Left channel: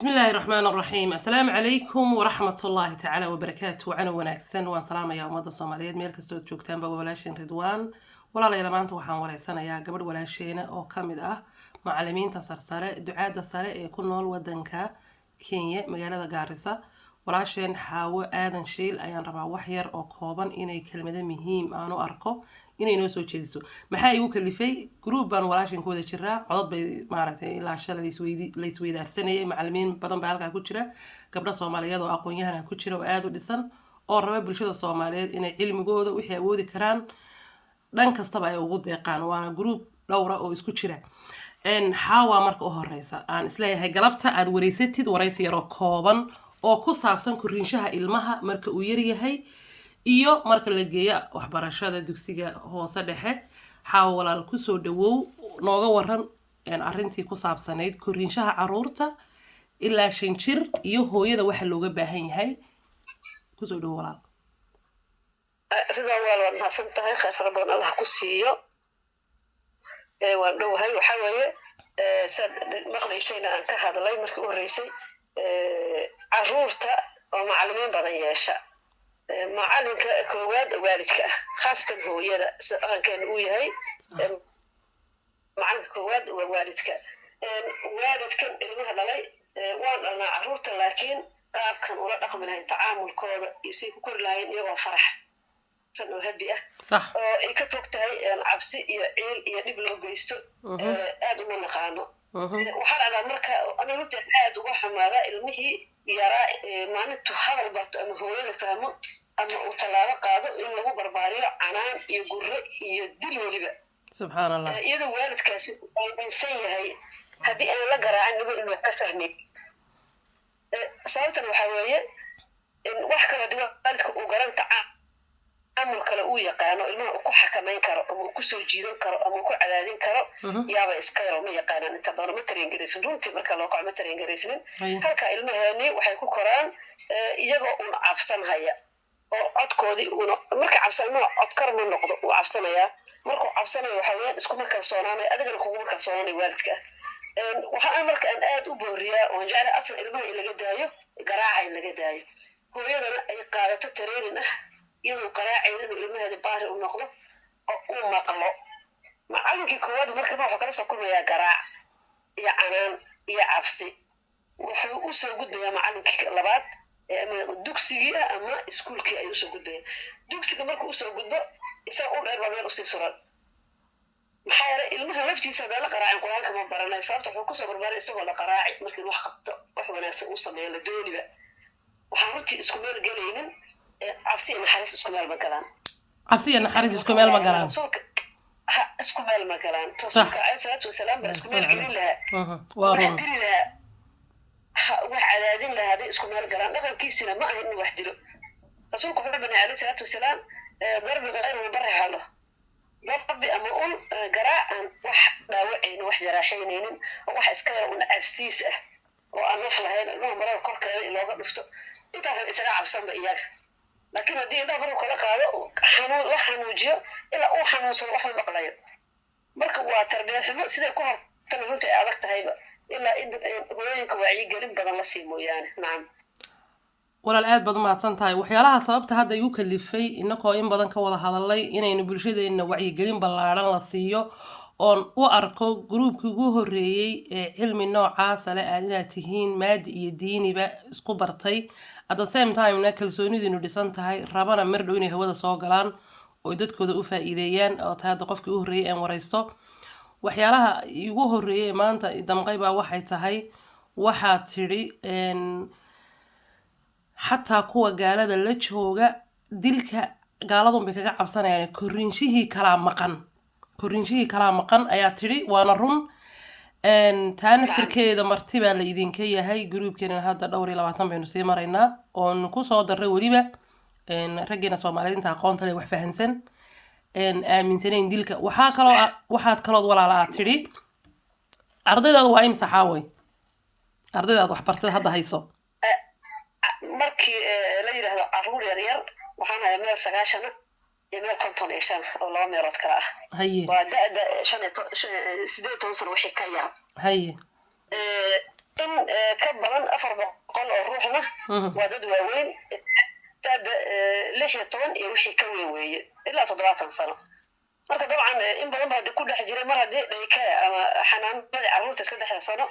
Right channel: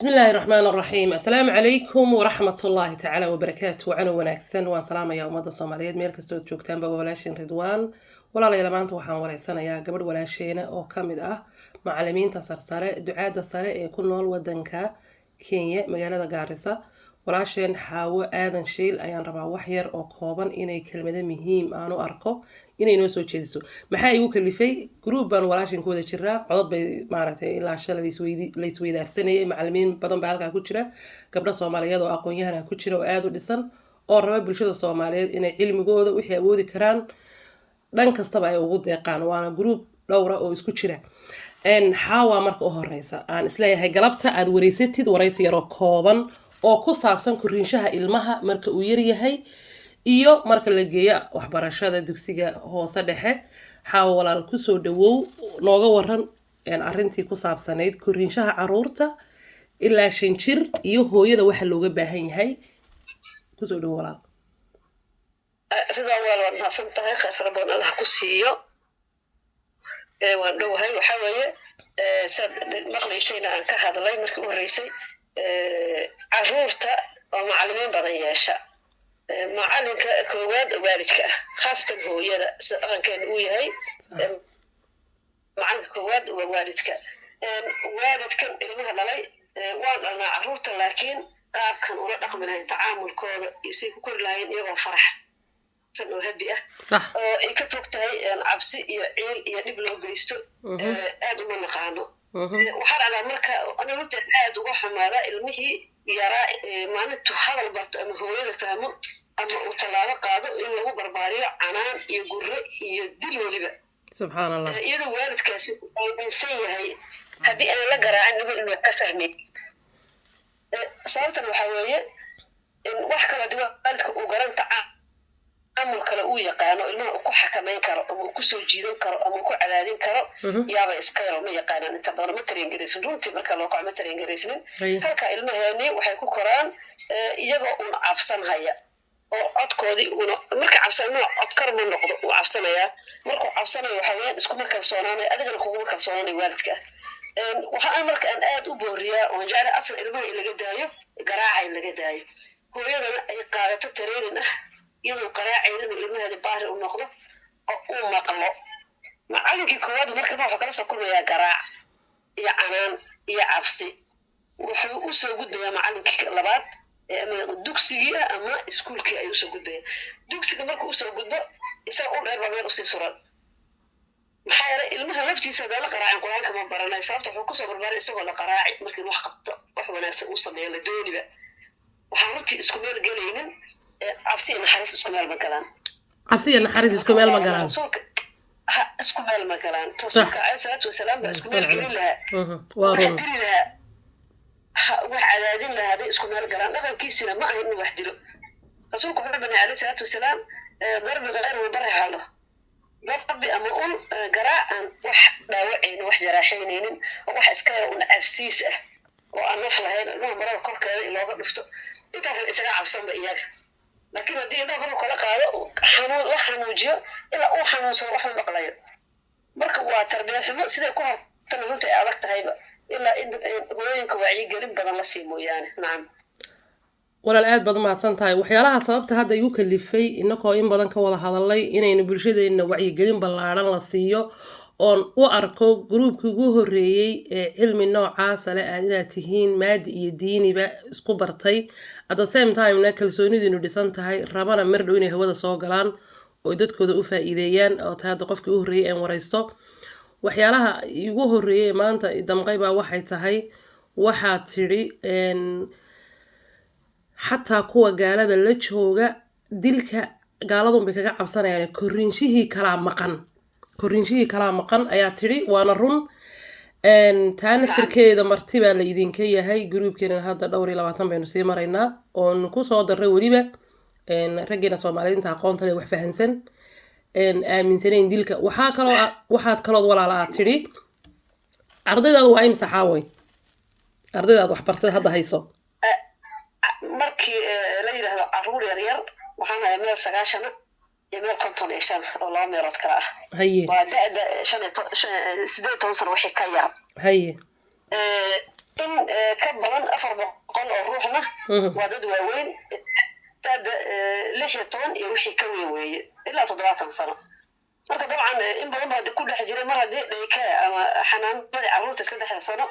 بسم الله الرحمن الرحيم السلام عليكم ورحمة الله تعالى وبركاته وعنا وناكسن وان سلام يا أمد الصوماليات ميل كستو جوجتان بابا ولاشين رضوان ولا لا maanta waxaan wareysanayaa gabadh walaasheena oo kamid ah macallimiinta sarsare ducaada sare ee ku nool wadanka Kenya magaalada Garissa walaasheen Xaawo Aadan Shiil ayaan rabaa wax yar oo kooban inay kelmado muhiim aan u arko inay noo soo jeediso maxaa igu kalifay group baan walaasheen ku wada jiraa codad bay maaragtay ilaa shalay la isweydaarsanayay macallimiin badan baa halkaa ku jira gabdho Soomaaliyeed oo aqoon-yahan ku jira oo aad u dhisan oo raba bulshada Soomaaliyeed inay cilmigooda wixii awoodi karaan dhan kastaba ay ugu deeqaan waana group dhowr ah oo isku jira Xaawa marka u horeysa aan isleeyahay galabta aad wareysatid wareysi yar oo kooban oo ku saabsan koriinshaha ilmaha marka uu yar yahay iyo marka la geeyo waxbarashada dugsiga hoose dhexe Xaawa walaal ku soo dhawow nooga waran arrintii ku saabsanayd koriinshaha caruurta ilaa 5 jir iyo hooyada waxa looga baahan yahay ku soo dhawow walaal رضا والله ما سنتهي خير ربنا الله كسيو وانو هاي وحاوية ساد مقليسينا عن كهذا الله يمرك ورئيسي عرورتا ومعلمين بدنياشا معلم كواد والدك خاصة هو يدا سأن كان وياي معلم كواد ووالدك والدك المها للي وانا عرورتا لكن قاب كان ولا رقم لهي تعامل كود يصير كل لهين يبغى فرح وهبي صح ay ka fogtahay cabsi iyo ciil iyo dib loo geysto aad uma naqaano waxaan rabaa marka ana runtii aad uga xumaada ilmihii yaraa maalintu hadal barto ama hooyada fahmo ama uu talaabo qaado in lagu barbaariyo canaan iyo gurre iyo dil waliba subhanallah iyadoo waalidkaasi ay insan yahay haddii aan la garaacin niba inuu ka fahmay sababtan waxaa weeye in wax kala duwan waalidka uu garanta amul kale uu yaqaano ilmaha uu ku xakameyn karo ama uu ku soo jiidan karo ama uu ku cadaadin karo yaaba iska yar ma yaqaanaan inta badan ma tareen gareysan runtii marka loo kaco ma tareen gareysan halka ilmaheeni waxay ku koraan iyagoo un cabsan haya oo codkoodii una marka cabsan ma cod kar ma noqdo uu cabsanaya markuu cabsanayo waxa weeyaan isku ma kalsoonaanay adigana kugu kalsoonaanay waalidka waxaan marka aan aad u booriyaa oo jecel asal ilmaha in laga daayo garaaca in laga daayo hooyadana ay qaadato tareenin ah iyadoo qaraacayna ilmaheeda baari u noqdo oo uu maqlo macallinkii koowaad marka waxa kala soo kulmaya garaac iyo canaan iyo cabsi wuxuu u soo gudbayaa macallinkii labaad ama dugsigii ama iskuulkii ayuu soo gudbaya dugsiga markuu soo gudbo isaga u dheer baa u sii suran maxaa yeelay ilmaha laftiisa hadii la qaraacin quraanka ma baranay sababta wuxuu ku soo barbaaray isagoo la qaraaci markii wax qabto wax wanaagsan uu sameeyo la dooniba waxaan runtii isku meel galaynin cabsi iyo naxariis isku meel ma galaan cabsi iyo naxariis isku meel ma galaan isku meel ma galaan rasuulka alayhi salaatu wasalaam baa isku meel gelin lahaa waa run wax cadaadin lahaa haday isku meel galaan dhaqankiisina ma ahayn inuu wax dilo rasuulku wuxuu banay alayhi salaatu wasalaam darbi qeyr uu baraxalo darbi ama ul garaacan wax dhaawacayna wax jaraaxaynaynin wax iska yar una cabsiis ah oo aan naf lahayn ilmaha marada korkeeda in looga dhufto intaas isaga cabsanba iyaga laakiin haddii inta baru kala qaado xanuun la xanuujiyo ilaa uu xanuunsado wax ma maqlayo marka waa tarbiyad xumo sida ku hartan runtii adag tahayba ilaa in hooyooyinka wacyigelin badan la sii mooyaane nacam walaal aad baad mahadsan tahay waxyaalaha sababta hadda igu kalifay inagoo in badan ka wada hadalay inaynu bulshadeena wacyigelin ballaaran la siiyo oon u arko groupkii ugu horeeyay ee cilmi noocaas ah aad inaad tihiin maadi iyo diiniba isku bartay at the same time na kalsoonidiinu dhisan tahay rabana mar dhow inay hawada soo galaan oo dadkooda u faa'iideeyaan oo taada qofkii u horeeyay aan wareysto waxyaalaha igu horeeyay maanta damqay baa waxay tahay waxaad tiri xataa kuwa gaalada la jooga dilka gaaladun bay kaga cabsanayaan koriinshihii kala maqan ayaa tiri waana run taa naftirkeeda marti baa la idinka yahay groupkeena hadda dhowr iyo 20 baynu sii maraynaa oon ku soo daray waliba raggeena Soomaaliyeedta aqoonta leh wax fahansan aaminsaneen dilka waxaad kaloo walaal aad tiri ardaydaadu waa imsa Xaaway ardaydaadu wax bartay hadda hayso markii la yiraahdo caruur yar yar waxaan hayaa meel 9 يميل كنتون إيشان والله ميرات كلا هي وده شن سديت توصل وحي كيار هي in ka badan 400 oo ruuxna waa dad waaweyn dad 16 iyo wixii ka weyn weeye ilaa 70 sano marka dabcan in badan baa ku dhex jiray mar haddii dhayka ama xanaanada carruurta 3 sano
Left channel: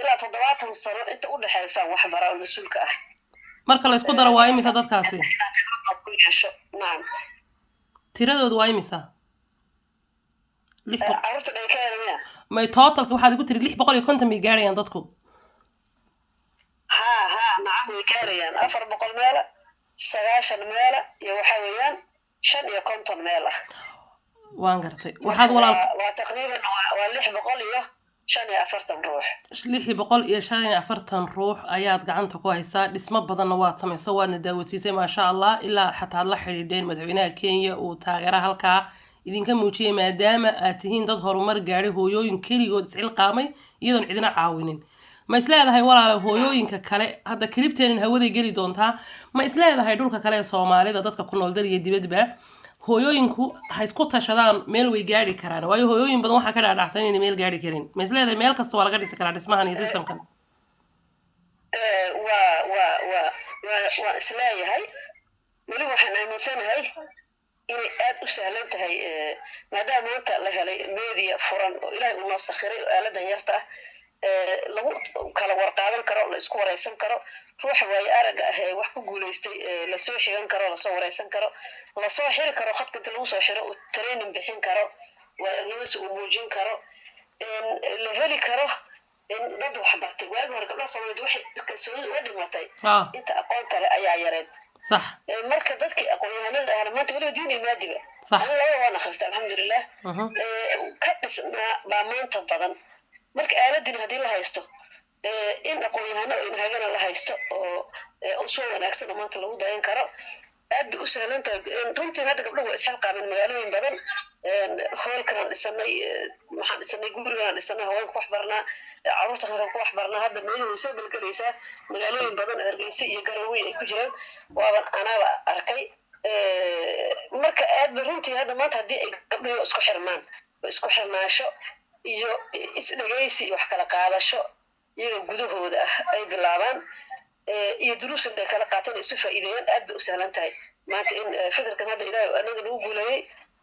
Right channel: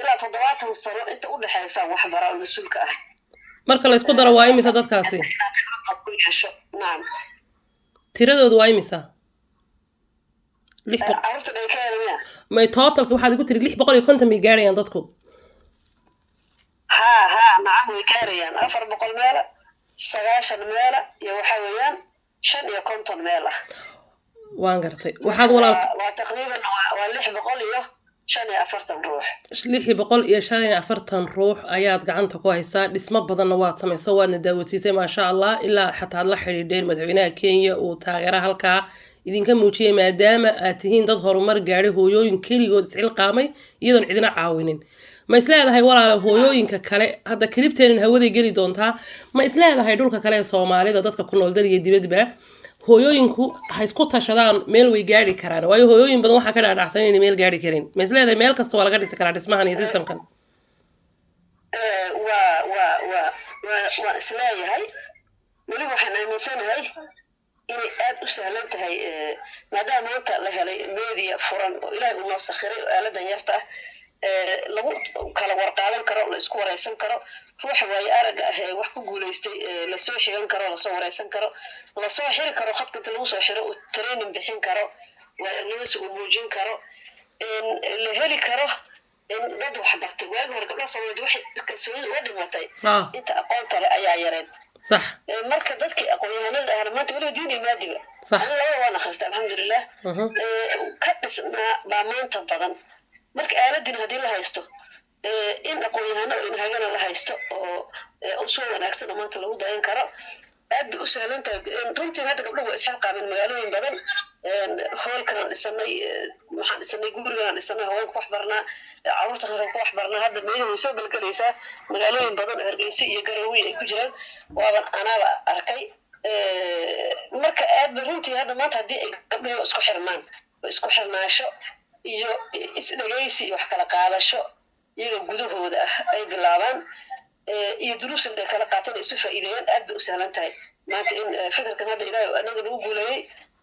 ilaa 70 sano inta u dhaxaysa wax baraa mas'uulka ah marka la isku daro waa imisa dadkaasi nacam tiradoodu waa imisa carruurta dhaykaada miya may totalka waxaad igu tiri 650 bay gaarayaan dadku ها نعم ويكاريان 400 ميلة 9 ميلة يا وحويان 5 iyo 50 ميلة waan gartay waxaad walaal waa taqriiban waa 600 iyo 45 ruux 645 ruux ayaad gacanta ku haysaa dhismo badanna waad samayso waadna daawatiisay ma sha Allah ilaa xataa la xiriireen madaxweynaha Kenya oo taageera halka idinka muujiyay maadaama aad tihiin dad horumar gaaray hooyooyin kaligood iscil qaamay iyadoon cidina caawinin ma isleedahay walaal hooyooyinka kale hadda kilibteen hawada gali doontaa ma isleedahay dhulka kale ee Soomaalida dadka ku nool daliya dibadba hooyooyinku ha isku tashadaan meel way gaari karaan waayo hooyooyin badan waxa ka dhaadhacsan inay meel gaari karin ma isleedahay meel kasta waa laga dhisi karaa dhismahan iyo systemkan waa isleeyahay wali waxaan aaminsanahay inay aad u sahlan tahay maadaama maanta la helay media furan oo Ilaahay uu noo sakhiray aaladan yarta lagu kala warqaadan karo la isku wareysan karo ruuxa way araga ah wax ku guuleystay la soo xigan karo la soo wareysan karo la soo xiri karo khadka inta lagu soo xiro training bixin karo waa inuu uu muujin karo la heli karo in dad wax bartay waagi hore gabdhaha Soomaaliyeed waxay kalsooni u dhimatay inta aqoonta ayaa yareed صح marka dadkii aqoon-yahanada ah maanta wali diin iyo maadiba Allah waa naxariista alxamdulillah ka dhisnaa baa maanta badan marka aaladin hadii la haysto in aqoon-yahano in hagana la haysto oo soo wanaagsan maanta lagu dayan karo aad u sahlan tahay runtii hadda gabdhuhu way isxil qaabeen magaalooyin badan hoolkan dhisanay waxaan dhisanay gurigan dhisanay haweenka wax barnaa carruurta halkan wax barnaa hadda meelaha way soo galgalaysaa magaalooyin badan oo Hargeysa iyo Garowe ay ku jiraan waaban anaaba arkay marka aad runtii hadda maanta hadii ay gabdhuhu isku xirmaan isku xirnaasho iyo isdhageysi wax kala qaadasho iyaga gudahooda ah ay bilaabaan iyo duruus ay kala qaataan isu faa'iideeyaan aad bay u sahlan tahay maanta in fikirkan hadda Ilaahay anaga nagu guuleeyay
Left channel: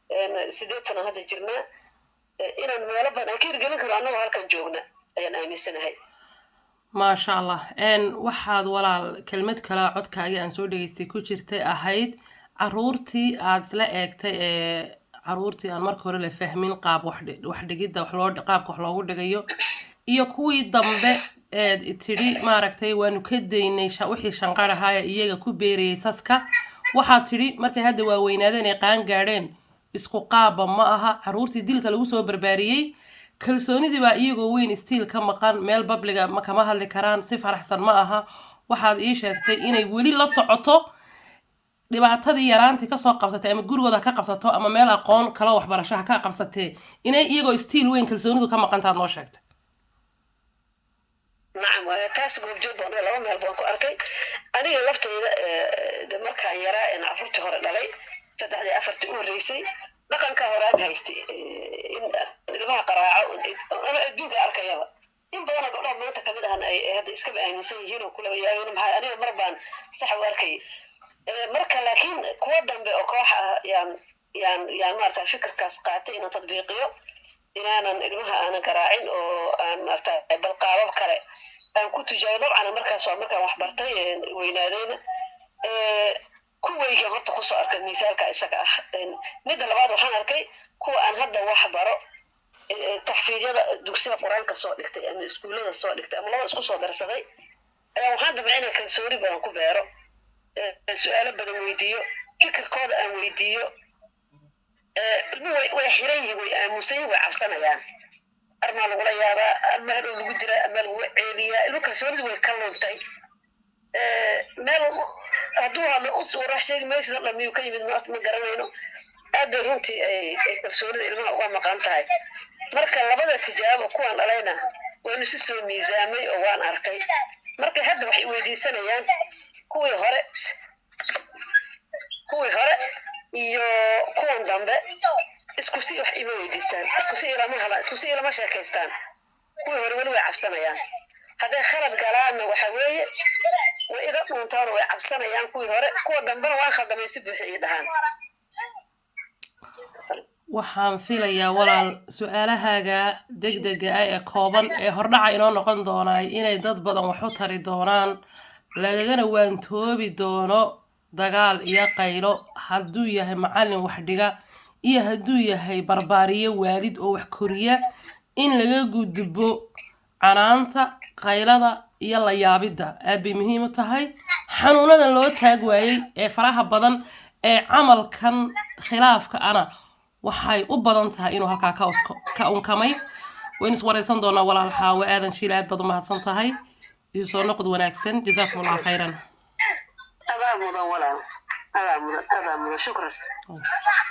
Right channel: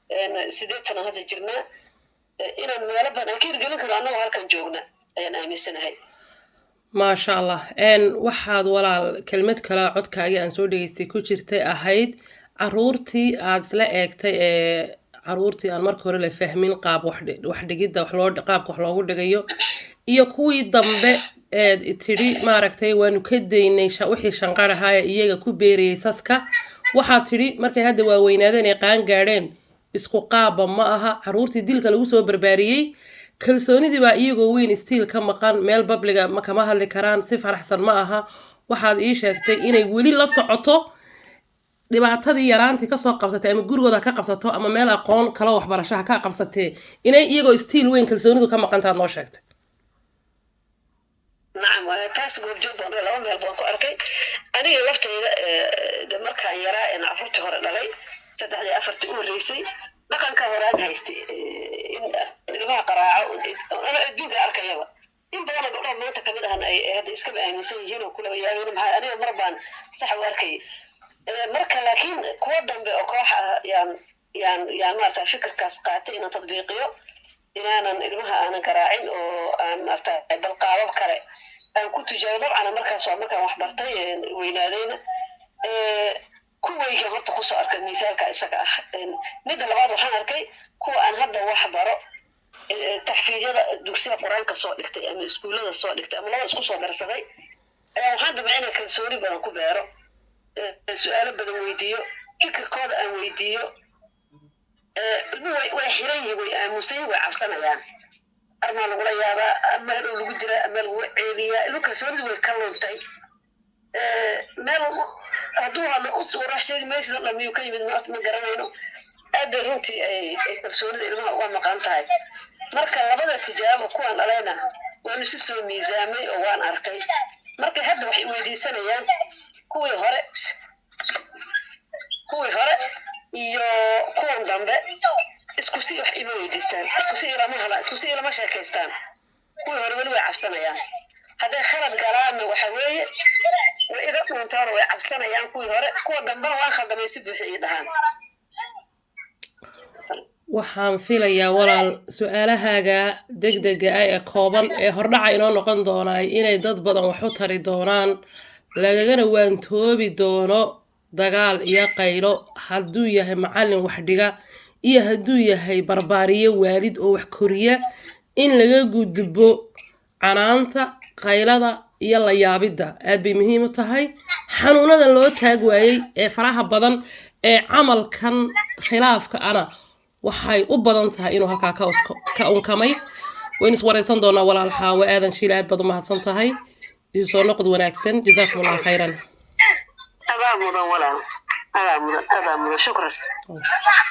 8 sano hadda jirnaa inaan meelo badan ka hirgelin karo anaga halkan joogna ayaan aaminsanahay ما شاء الله waxaad walaal kelmad kala codkaaga aan soo dhageystay ku jirtay ahayd caruurtii aad isla eegtay caruurtii aan markii hore la fahmin qaab wax dhigida qaabka wax loogu dhigayo iyo kuwii dambe tiri maaragtay waanu ka daynay wixii shanqaraha iyaga ku beeriyay saska waxaad tiri markay hadda waaweynaadeen ay qaan gaadheen isku qaaba ma aha caruurtii dilka lagu soo barbaariyay kalsoonidii baa iyagoo weyn stiil ka maqan meel babliga ma kama hadli karaan si faraxsan ma aha waxaad ii sheegtay inay weli la socoto dhibaatadii yaraantii ka soo qabsatay ama gurigooda ka qabsato ama meel aqoon kala waxbarashaha ka qabsatay inay iyagoo stiil weyn kalsoonidu ka maqantaad noo sheegtay نعم taas goobjoog baan laba meel baan ku arkay aniga laftayda markaan yaraa in carruurtii hore dhalay 3-4 u horeysay dhaqanka horaan haystay in ilmaha qaraaco ana adduunka arkayaba in badan gabdhaha maanta kamid ah ay hadda iska aaminsan yihiin oo kula yaabeen maxay aniga mar baan sax u arkay marka laakiin kuwa dambe oo koox ah yaan maarta fikirkaas qaatay in tadbiiqiyo inaanan ilmaha aanan garaacin oo aan maarta bal qaabab kale aan ku tijaabo dabcan markaas waa markaan wax bartay weynaadayna kuwayga horta ku soo arkay misaalka isaga ah mid labaad waxaan arkay kuwa aan hadda wax baro taxfiidyada dugsiga quraanka soo dhigtay ama iskuulada soo dhigtay ama laba isku soo darsaday ayaa waxaan dabcinay kalsooni badan ku beero su'aalo badan weydiiyo fikirkooda aan weydiiyo way xiran yihiin way aamusan way cabsanayaan arma lagu la yaabaa ama hadhow lagu jira ama lagu ceebiyaa ilmu kalsoonidu way ka luntay meel hadduu hadlo u soo raxsheegi meesha dhammiyo ka yimid ma garanayno aad bay runtii ay kalsoonida ilmaha uga maqan tahay marka labada tijaabo kuwan dhalayna waanu si soo miisaamay oo waan arkay marka hadda waxay weydiisanayaan kuwii hore iyo kuwan dambe isku si wax ima weydiistaan isku si ilama sheekaystaan kuwii hore wali way cabsanayaan hadday khalad galaanna waxa weeye way iga dhuuntaan way cabsanayaan kuwii hore kuwa dambena waan khaldamay si buuxi ii dhahaan waxaan filayaa walaal su'aalahaaga degdega ah ee kooban ee hordhaca inoo noqon doonaa inay dad badan wax u tari doonaan lagagana waantoobi doono dagaal iyo qaylo hadduu yahay macallin wax dhiga iyo hadduu yahay barbaariye waalid oo wax koriya in laga gudbo canaanta qaylada iyo la yaabidda aad bay muhiim u tahay xanuunada loo taag waayey ee faraha badan ee camalkan khilaafka ana waxay u badan tahay inuu halkaa ka unkamay waynu iswaraysan doonaa walaal xaawo aadan shiil aad baad u mahadsan tahay iyo soo noqod wanaagsan jazaakum allah khayran adaa mudan walaal adaa mudan shukran